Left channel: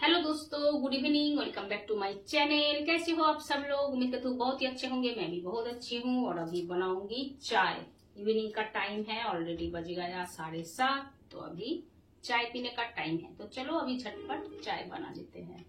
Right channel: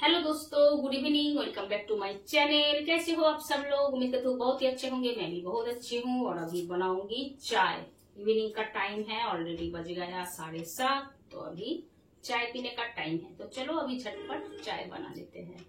Hello दोस्तों, good evening. Welcome back to my channel. कैसे हो आप सब लोग? उम्मीद करती हूँ बहुत ही अच्छे होंगे। मैं भी बहुत अच्छी हूँ और अभी बनाऊंगी चाय। इवनिंग का टाइम है, ऑलरेडी बज गया 7:30। तो अभी चाय पीने का टाइम है, तो चलो अभी झटपट चाय बना लेते हैं।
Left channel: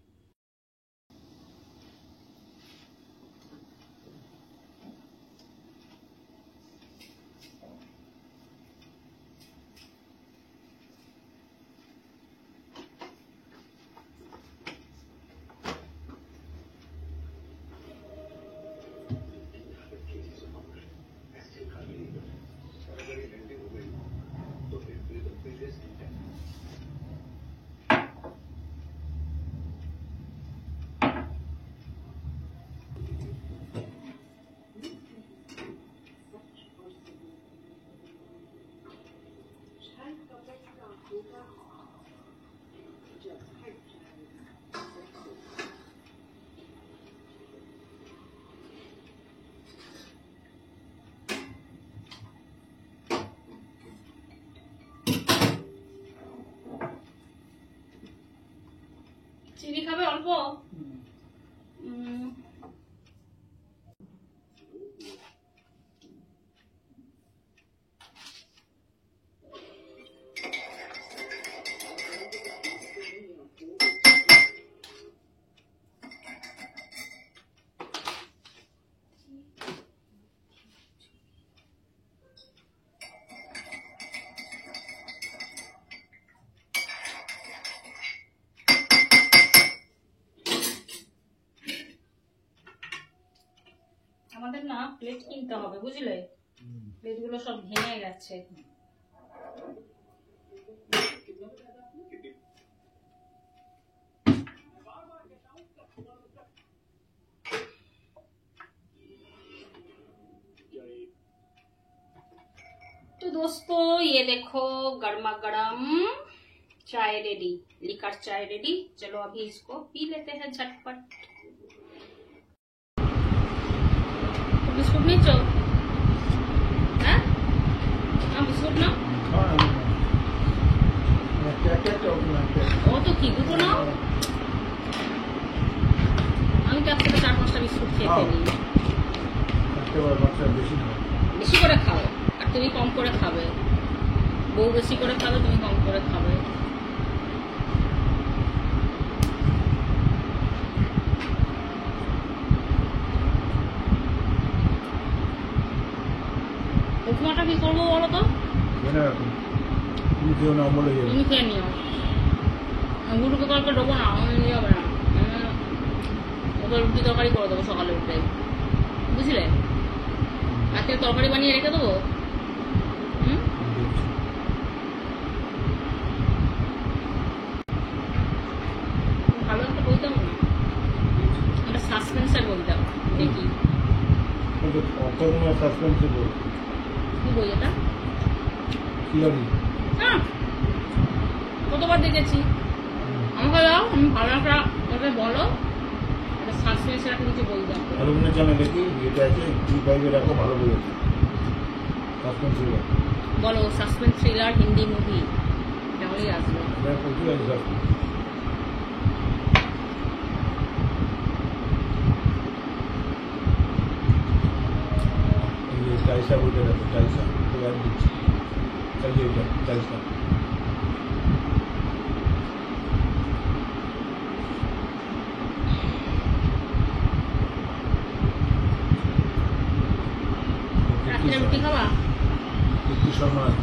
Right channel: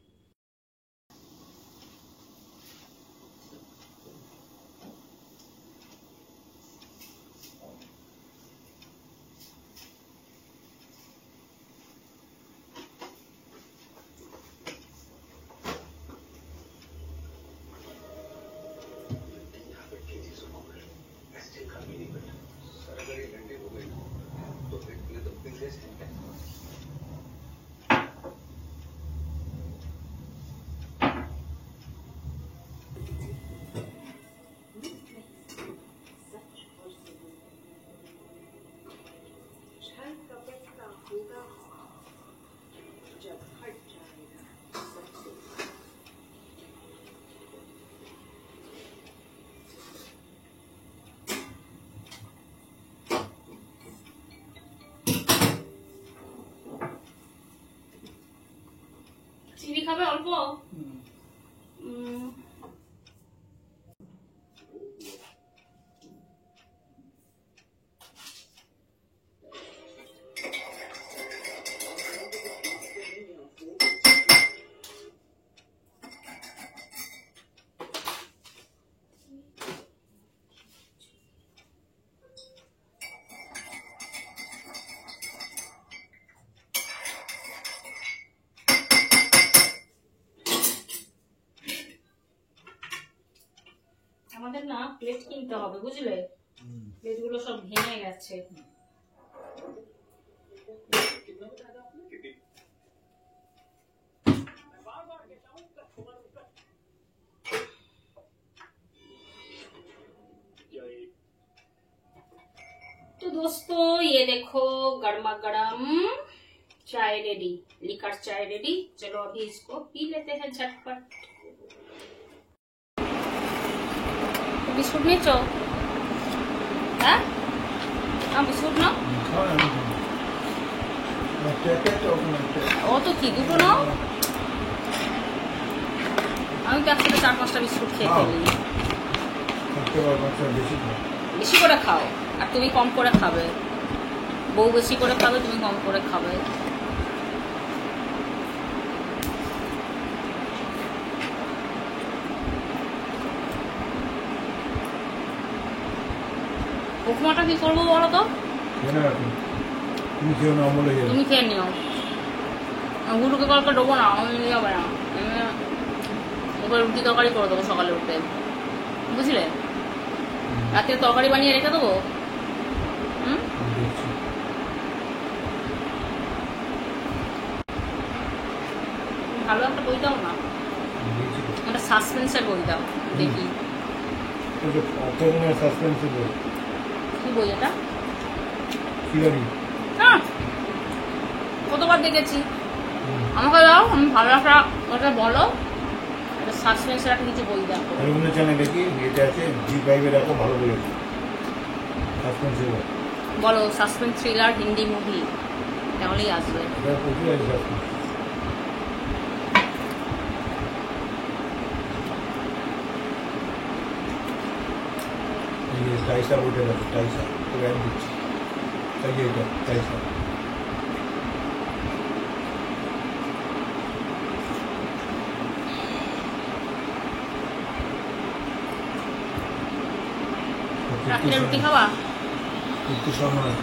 চিনি খাবে অল্প? আমাদের না প্লেট কিনতে হবে, বুঝলে? প্লেটগুলো সব ভেঙে গেছে। तो दोस्तों ये देखो गर्मा गर्म चाय रेडी, लिकर चाय रेडी। चलो अभी इसको पी लेते हैं झटपट। बिस्कुट নিচ্ছ? হ্যাঁ, বিস্কুট নাও। ও তো কি দুটো নাও। আমি তো একসাথে 4-5টা বিস্কুট খেয়ে ফেলি। বেশি করে খাও, আর তুমি কম করে খাবে। বউ বেশি করে খাবে, তুমি কম করে খাবে। উপমাটা কি করবো বলো তো? তুমি খেয়ে নিও। গুরুকে কালকে দেবো না, আমি নিয়ে যাবে না। ওকে রুটি তরকারি করে দেবো সকালে উঠে, বুঝলে? রাতে তরকারি বানিয়ে রেখে দেবো। ভালো একটা বই দাও না, একটা সাসপেন্সের বই দাও দেখি। কি বই এটা? কতবার দেখেছি। আমাকে দাও, আমি ভালো একটা ওটা বলো, সাসপেন্সের একটা কিছু বই দাও। বলো সাসপেন্স থ্রিলার হিন্দি মুভি, তাহলেই আসবে। টাইসা বইটা দেখো, টাইসা তো জ্ঞান দিচ্ছি। তাই যে এটা টাইসা রুটি খাওয়া একটু সময়